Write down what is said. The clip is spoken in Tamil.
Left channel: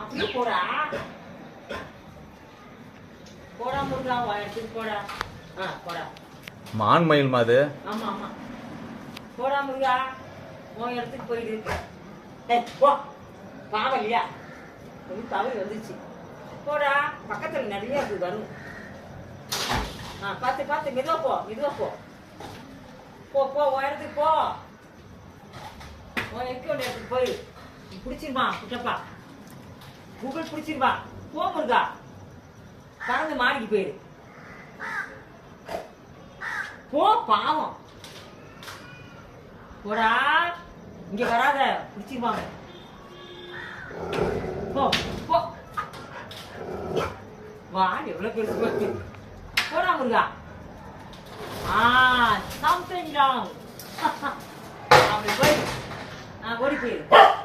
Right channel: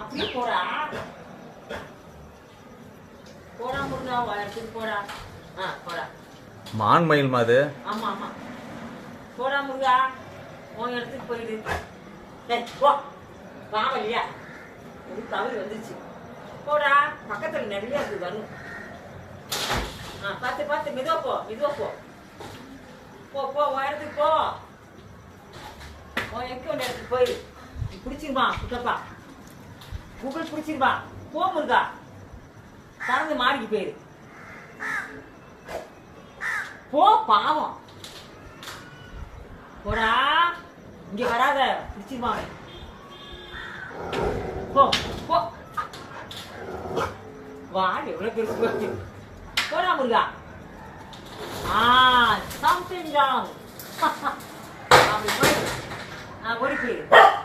அப்படியே போடா. போடா முருகா போடா. ஆ போடா. மான் மயில் மாது. ஆமா ஆமா. போடா முருகா. உன் இடத்துக்கு போயிடு. ஏய் போ. பாவம் இல்லையா ஒரு தவறு வந்துச்சு போடா. பக்கத்துல நிறைய இருக்கு வரும். ஆ பார்த்து பார்த்து மெதுவா போ மெதுவா போ. போ போ உன் இடத்துக்கு போ. உன் எங்க உன் இடத்துக்கு போய். பிடிச்சிருமா குட்டப்பா? கூகுள் பிடிச்சிருமா? போ முருகா. கலந்து மாறிக்கு போயிரு. போ பாவம். போடா. இங்க வராத. பிடிச்சிருமா அவன். போ போ. வாடி எவ்வளவு பெருசு பாரு. போடா முருகா. ஆ சம்திங் ராங் அப்படி போயிரு ஆ ஓடி போயிரு